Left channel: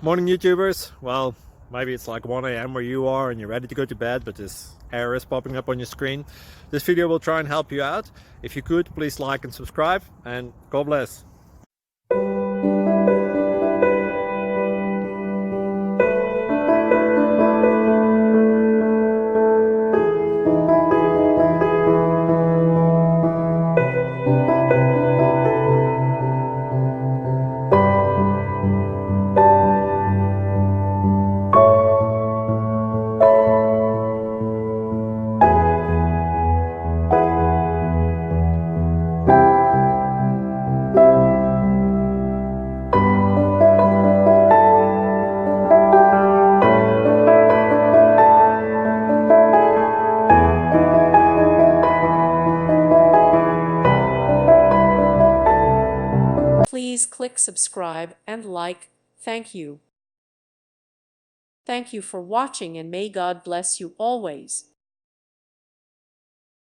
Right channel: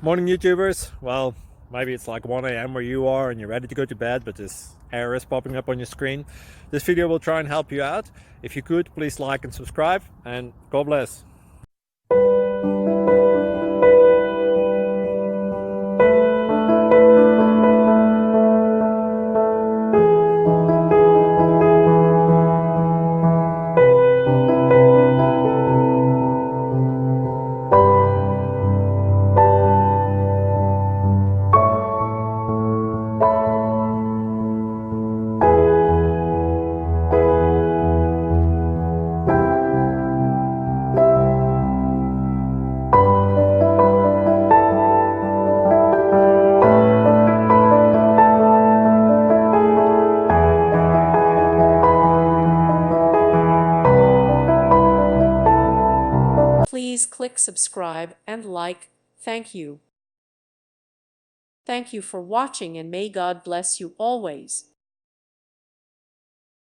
Morning, YouTubers. Well, maybe it's like 1 a.m. where you are and you're ready to go to bed, but this error is popping up on your screen. This video will try and help you out. If you could, please like and subscribe, and God bless. Please click subscribe and like. Thank you. Thank you for watching, and may God bless you always.